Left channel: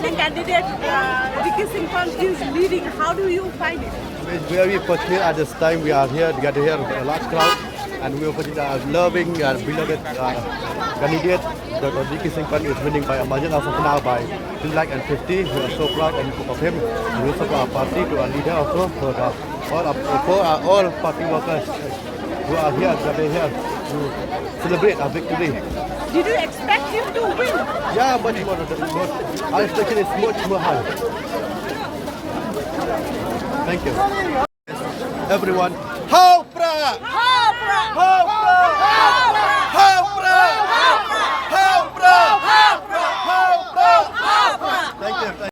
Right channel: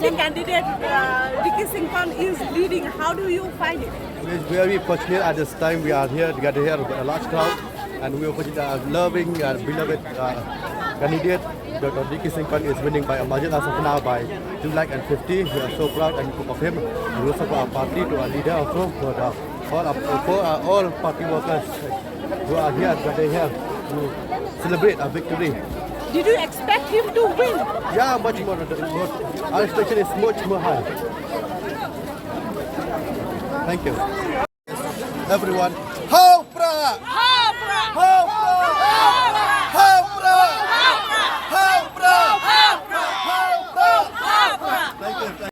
opposing candidate, Nongkyrshan is leading. How do you find it? We're very fortunate at this time. We are here together here with a large crowd, and we are fortunate, loving and beloved candidate. Dr. Nongkyrshan is winning by a margin as of now by 250. We are so proud and proud of him. And we support our party, to our leader also, for all party workers who are here to celebrate our victory. Did you expect him to win? Yeah, much more. Our expectation is much more high. Thank you. Everyone, Ho Prah! Ho Prah! Ho Prah! Ho Prah! Ho Prah! Thank you.